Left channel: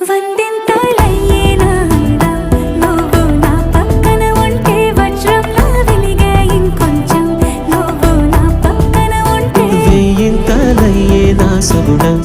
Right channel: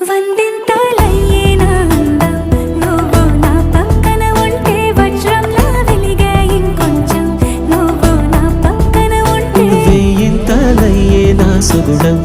వందింతలయ్యేనా అందం నువ్వు నా పక్కన ఉంటే వజ్రంలా వెలిగే ఇంకొంచెం నువ్వు నా పక్కన ఉంటే వేయింతలయ్యేనా సుగుణం